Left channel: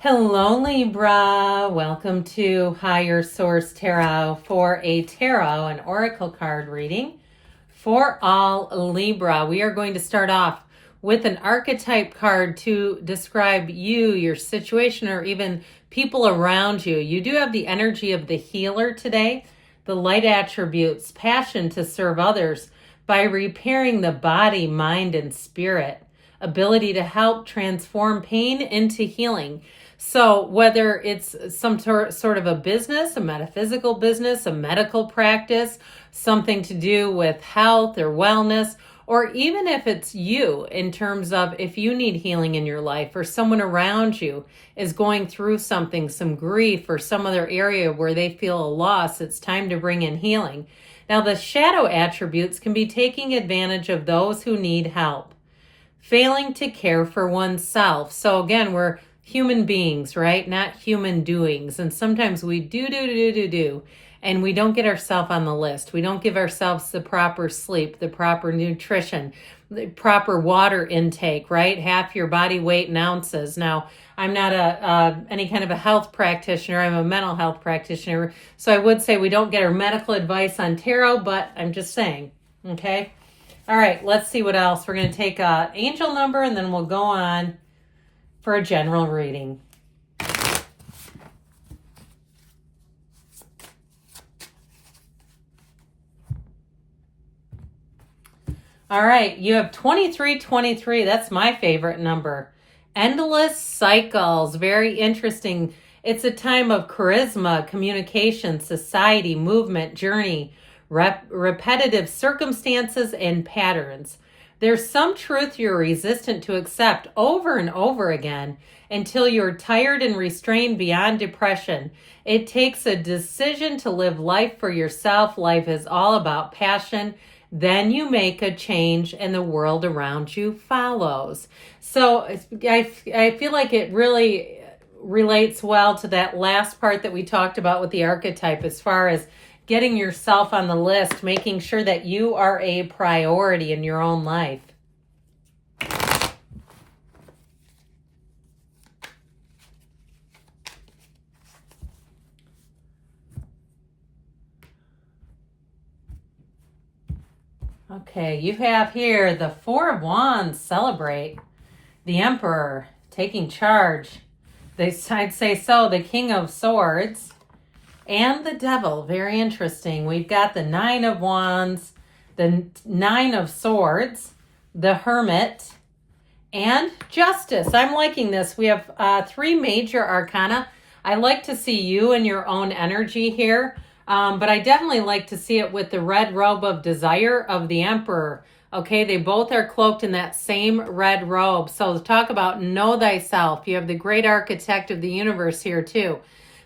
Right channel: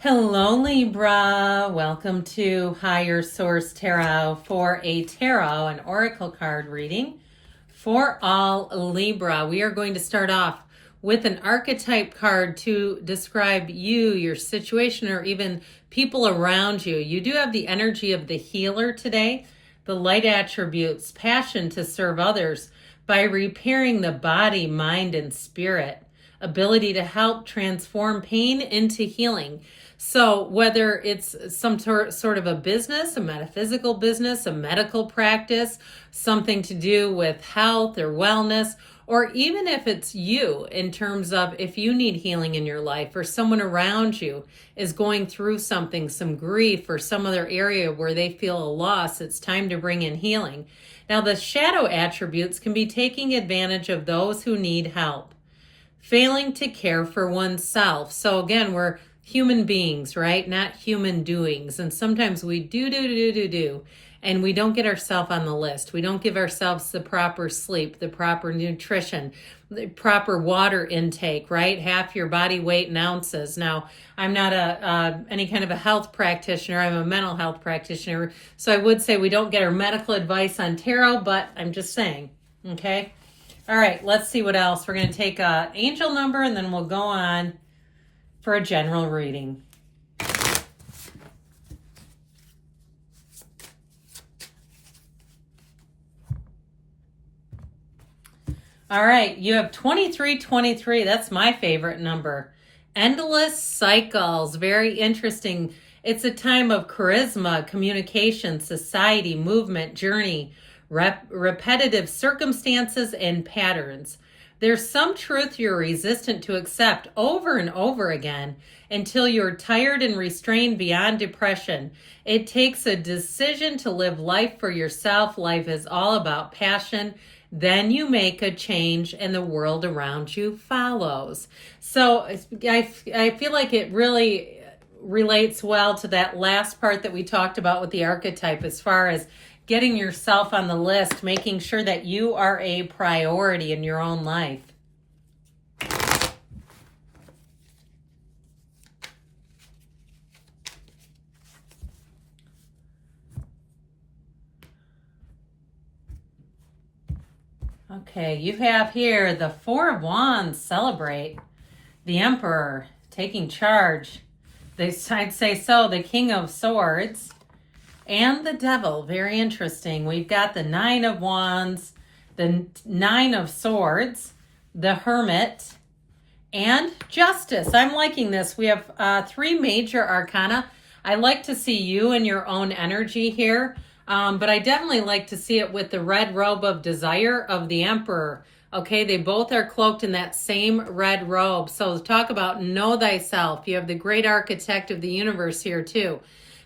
Hello, Libra. Welcome to Higher Source Tarot for a tarot and oracle card reading for all Libra. We are going to start off with an archetype card to describe you, your situation, or even people around you. You do have the energy of the healer today, the light attributes, passion to serve others by repairing the body, mind, and spirit, ability to help transform pain into healing. So whether it's some sort of a business, a metaphysical business, a medical practice, something to do with health or wellness, or even if it's you in terms of if you need healing in your life or someone around you is going through something, some grief or some other area where they feel a loss, it's time to bring in healing. Now the shadow attributes can be taking advantage of those who need help, failing to care for oneself. So again, we're human beings, right? Not human doings. And sometimes we do, and we don't get ourselves on the list. We don't give ourselves the proper sleep, the proper nutrition, the proper water intake, right? Half your body weight in ounces. Now, I'm not any kind of a health practitioner. I'm a mental health practitioner. So I would say we don't get our medical advice on tarot, but I'm just saying, okay? All right, let's see what else. We're going to take an angel number and then we'll go on for a general reading. All right, you have 2323. That's my favorite number. Endless cycles. Very interesting. It's a time of charisma, communication, society, movement, journey, repetitive circumstances, and patterns. There's some truth you're resistant to accept over and over again until you're tired and restrained beyond depression. It takes a decision to live life for yourself. Life is all about passion. Then you make a change and the world around you follows. So I feel like it really relates well to that last part that we talked about with the archetype as far as getting yourself on the list, making sure that you are a priority in your own life. Okay, you have here the Four of Wands, celebrate. The Emperor, taking charge. I'd say so, the King of Swords. And the Devil, very interesting. We've got the Nine of Wands, the Nine of Swords, the Hermit, and Justice. I'm liking this. We have three major arcana. I like to see you in your own energy here, but I definitely like to see it with the red robe of desire of the Emperor. Okay, they both are cloaked in that same red robe. So talk about know thyself. You have the great architect of the universe here too.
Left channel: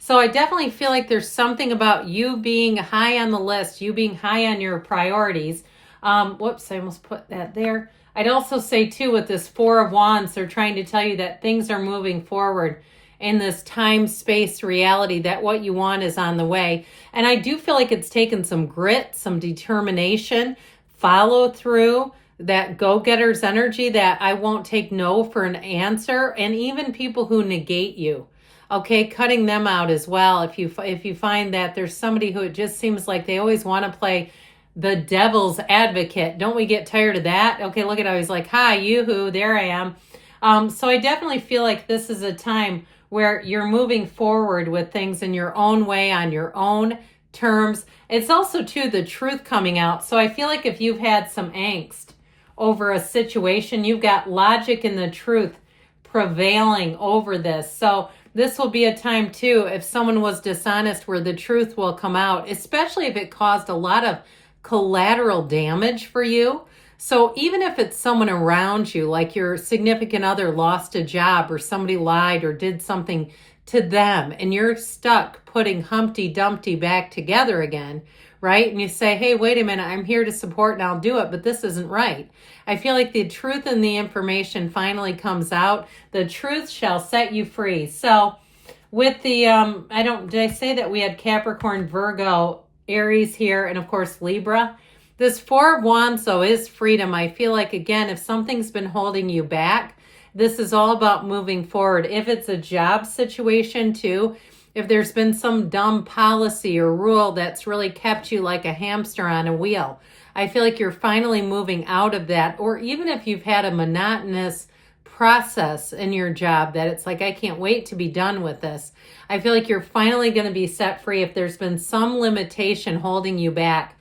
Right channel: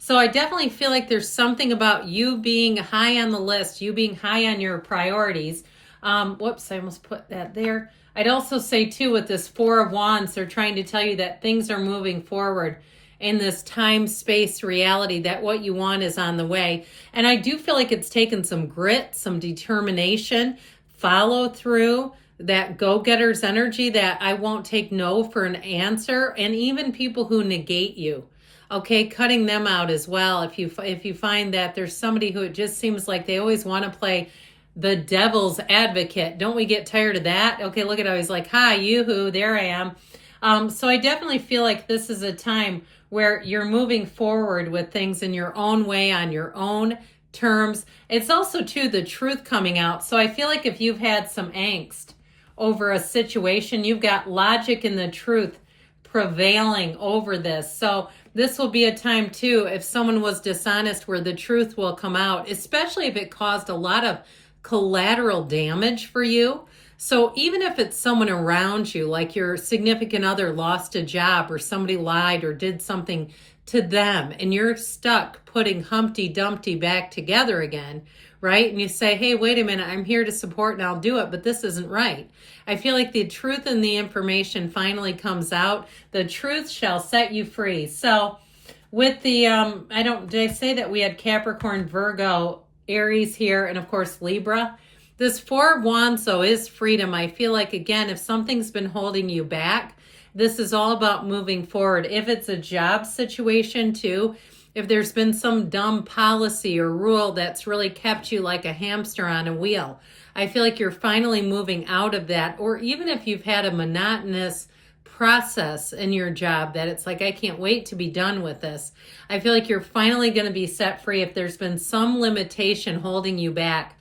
So I definitely feel like there's something about you being high on the list, you being high on your priorities. Whoops, I almost put that there. I'd also say too, with this Four of Wands, they're trying to tell you that things are moving forward in this time-space reality, that what you want is on the way. And I do feel like it's taken some grit, some determination, follow through, that go-getter's energy, that I won't take no for an answer, and even people who negate you. Okay, cutting them out as well. If you find that there's somebody who it just seems like they always want to play the devil's advocate. Don't we get tired of that? Okay, look at how he's like, hi, yoo-hoo, there I am. So I definitely feel like this is a time where you're moving forward with things in your own way, on your own terms. It's also, too, the truth coming out. So I feel like if you've had some angst over a situation, you've got logic and the truth prevailing over this. So this will be a time, too, if someone was dishonest, where the truth will come out, especially if it caused a lot of collateral damage for you. So even if it's someone around you, like your significant other lost a job or somebody lied or did something to them, and you're stuck putting Humpty Dumpty back together again, right? And you say, hey, wait a minute, I'm here to support and I'll do it, but this isn't right. I feel like the truth and the information finally comes out. The truth shall set you free. So with the, did I say that we had Capricorn, Virgo, Aries here, and of course Libra? This Four of Wands, though, is freedom. I feel like, again, if something's been holding you back, This is all about moving forward. If it's a job situation too, if there's been some dumb policy or rule that's really kept you like a hamster on a wheel, I feel like you're finally moving out of that. Or even if you've had a monotonous process in your job that it's like, I can't wait to be done with this. I feel like you're finally going to be set free if there's been some limitation holding you back.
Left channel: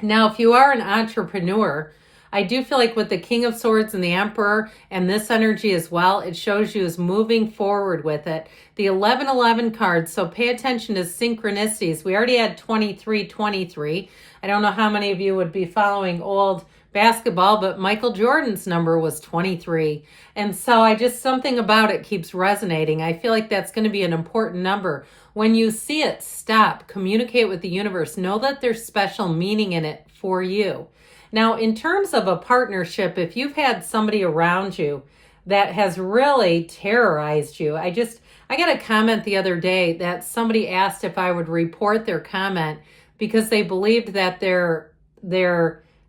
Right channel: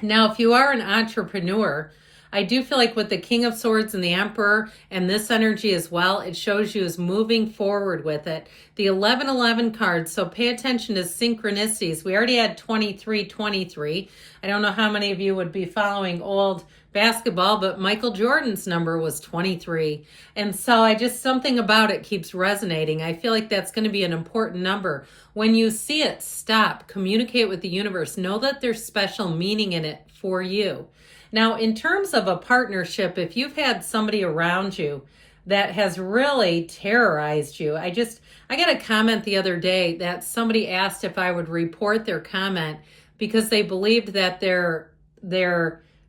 Now, if you are an entrepreneur, I do feel like with the King of Swords and the Emperor and this energy as well, it shows you as moving forward with it. The 1111 card, so pay attention to synchronicities. We already had 2323. I don't know how many of you would be following old basketball, but Michael Jordan's number was 23. And so something about it keeps resonating. I feel like that's going to be an important number. When you see it, stop, communicate with the universe. Know that there's special meaning in it for you. Now, in terms of a partnership, if you've had somebody around you that has really terrorized you, I got a comment the other day that somebody asked if I would report their comment because they believed that their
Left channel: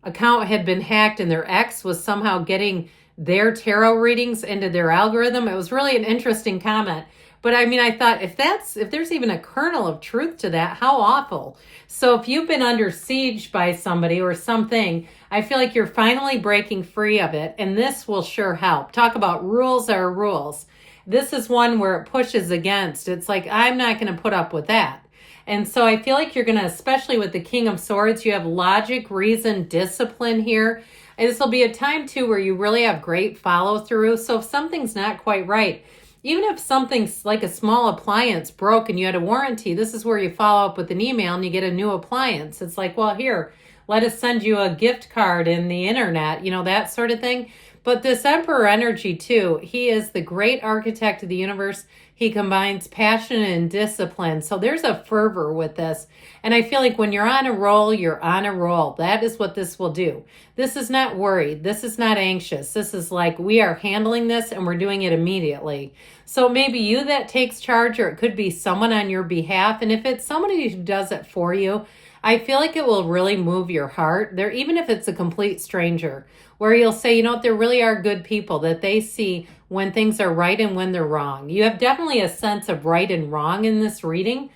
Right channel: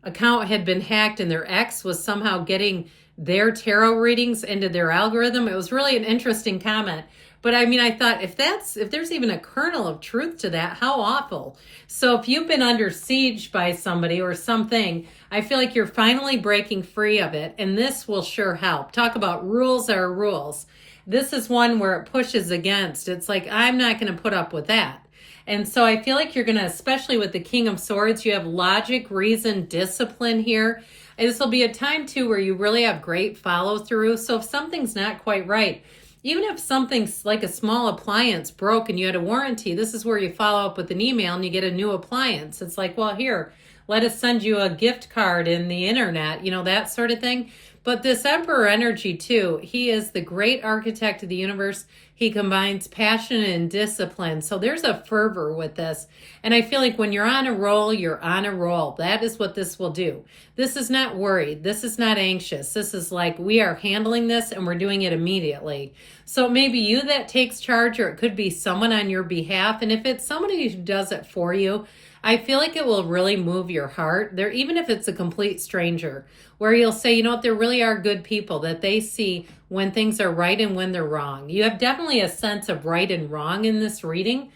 account had been hacked and their ex was somehow getting their tarot readings into their algorithm. It was really an interesting comment. But I mean, I thought if there's even a kernel of truth to that, how awful. So if you've been under siege by somebody or something, I feel like you're finally breaking free of it. And this will sure help. Talk about rules are rules. This is one where it pushes against. It's like, I'm not going to put up with that. And so I feel like you're going to, especially with the King of Swords, you have logic, reason, discipline here. And this will be a time too where you really have great follow through. So if something's not quite right, even if something's like a small appliance broke and you had a warranty, this is where you follow up with an email and you get a new appliance. It's like, well, here, let us send you a gift card in the internet, that sort of thing. But this Emperor energy too, he is the great architect of the universe. He combines passion and discipline. So there's a fervor with this. And I feel like when you're on a roll, you're on a roll. That is what this will do. This is not worried. This is not anxious. This is like, we are handling this and we're doing it immediately. So maybe you that takes charge, or it could be someone on your behalf. And if it's somebody who does it for you, I feel like it will really move your heart there, even if it's a complete stranger, where you'll say, there really are good people, that they see when things are right and when they're wrong. You have definitely a sense of right and wrong in this reading.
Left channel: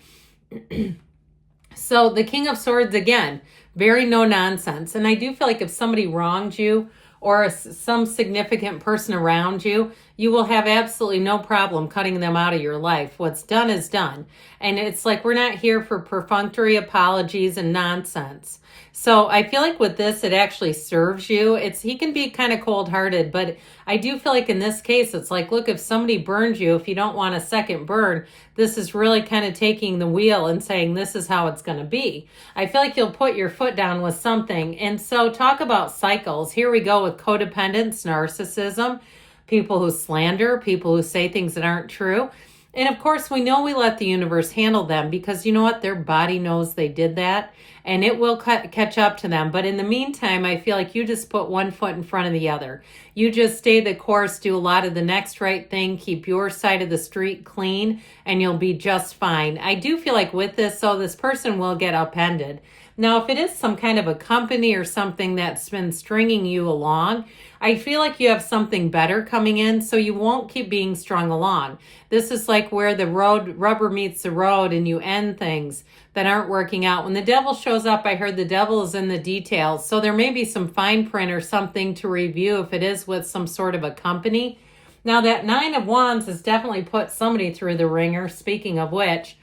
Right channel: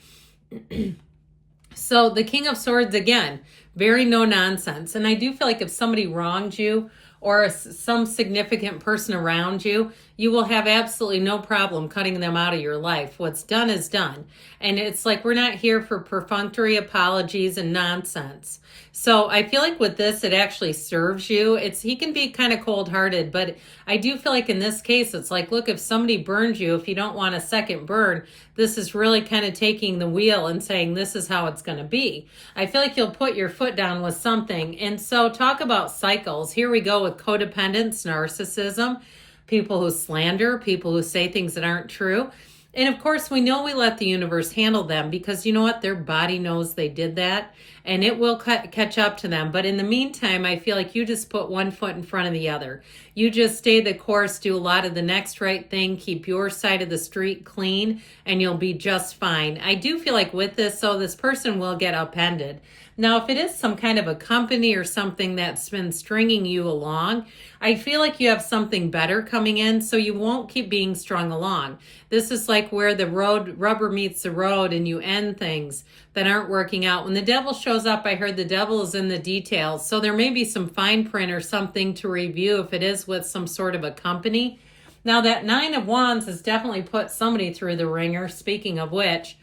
So the King of Swords, again, very no nonsense. And I do feel like if somebody wronged you or some significant person around you, you will have absolutely no problem cutting them out of your life. What's done is done. And it's like, we're not here for perfunctory apologies and nonsense. So I feel like with this, it actually serves you. He can be kind of cold-hearted, but I do feel like in this case, it's like, look, if somebody burned you, if you don't want a second burn, this is really kind of taking the wheel and saying, this is how it's going to be. I feel like you'll put your foot down with something. And so talk about cycles. Here we go with codependence, narcissism, people who slander, people who say things that aren't true. And of course, we know we let the universe handle them because you know what? Their body knows they did that and it will catch up to them. But in the meantime, I feel like you just put one foot in front of the other. You just stay the course, do a lot of the next right thing, keep your side of the street clean, and you'll be just fine. I do feel like with this, so this person will get upended. Now, if it is some kind of a company or something that's been stringing you along, I feel like you have something better coming in, so you won't keep being strung along. This is like where the rubber meets the road and you end things that aren't working out. When the devil shows up, I heard the devil is in the details. So there may be some fine print or something to review if it is with some sort of a company. Now that 9 of Wands has definitely put somebody through the ringer, speaking of which,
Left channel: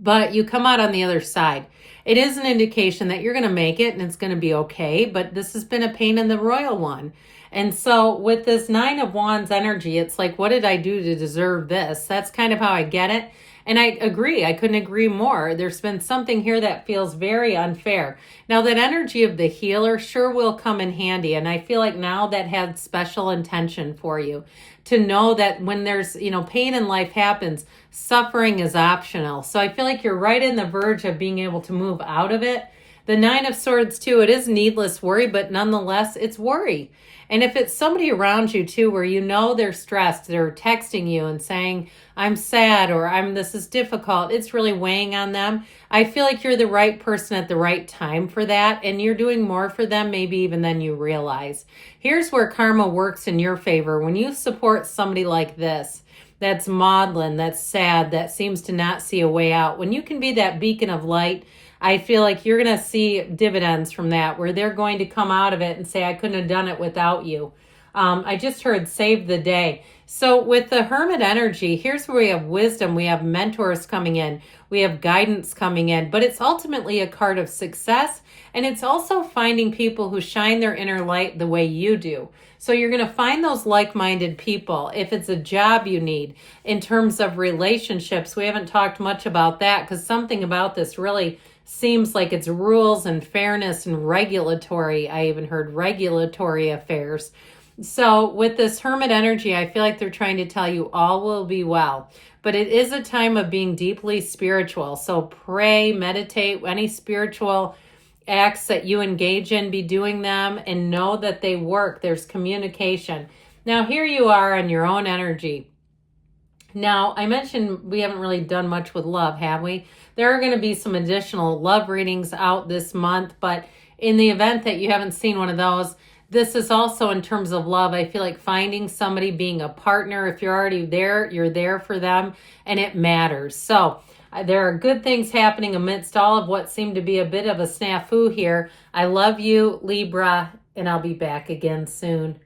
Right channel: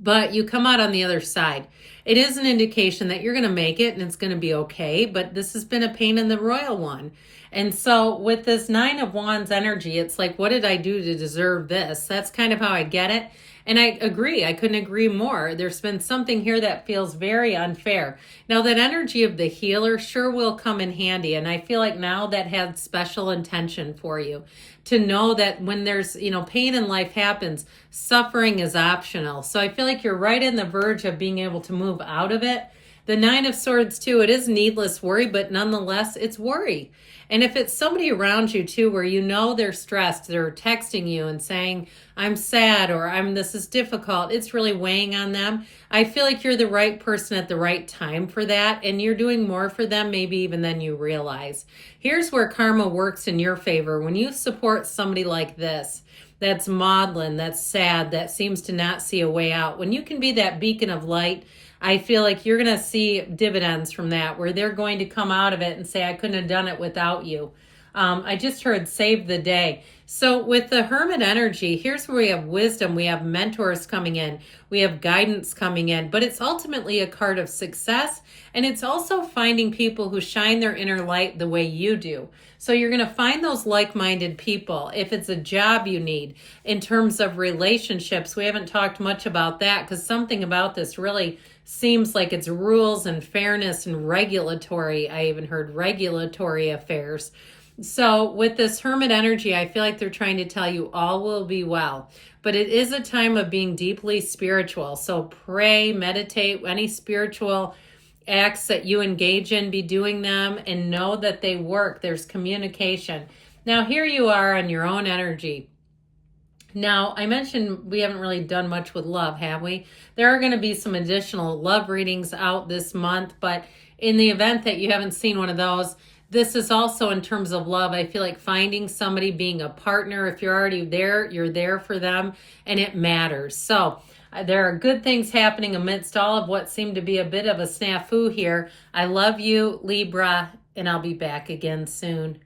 but you come out on the other side. It is an indication that you're going to make it and it's going to be okay, but this has been a pain in the royal one. And so with this 9 of Wands energy, it's like, what did I do to deserve this? That's kind of how I get it. And I agree. I couldn't agree more. There's been something here that feels very unfair. Now, that energy of the healer sure will come in handy. And I feel like now that had special intention for you to know that when there's, pain in life happens, suffering is optional. So I feel like you're right in the verge of being able to move out of it. The Nine of Swords too, it is needless worry, but nonetheless, it's worry. And if it's somebody around you too, where you know they're stressed, they're texting you and saying, I'm sad, or this is difficult, it's really weighing on them. I feel like you're the right person at the right time for that, and you're doing more for them maybe even than you realize. Here's where karma works in your favor. When you support somebody like this, that's maudlin, that's sad, that seems to not see a way out, when you can be that beacon of light, I feel like you're going to see dividends from that, where they're going to come out of it and say, I couldn't have done it without you. I just heard save the day. So with the Hermit energy, here's where we have wisdom. We have mentors coming in. We have guidance coming in. But it's ultimately a card of success. And it's also finding people who shine their inner light the way you do. So you're going to find those like-minded people. If it's a job you need, in terms of relationships, we haven't talked much about that because something about this really seems like it's rules and fairness and regulatory. I even heard regulatory affairs. So with this Hermit energy, I feel like they're trying to tell you all will be well. But it is a time of being deeply spiritual. So pray, meditate, any spiritual acts that you engage in, be doing them and know that they work. There's communication. Now here you are on your own energy. Now, I mentioned we haven't really done much with love, have we? There are going to be some additional love readings out this month, but in the event that you haven't seen one of those, this is also in terms of love. I feel like finding somebody, being a partner. If you're already there, you're there for them, and it matters. So there are good things happening amidst all of what seemed to be a bit of a snafu here. I love you, Libra, and I'll be back again soon.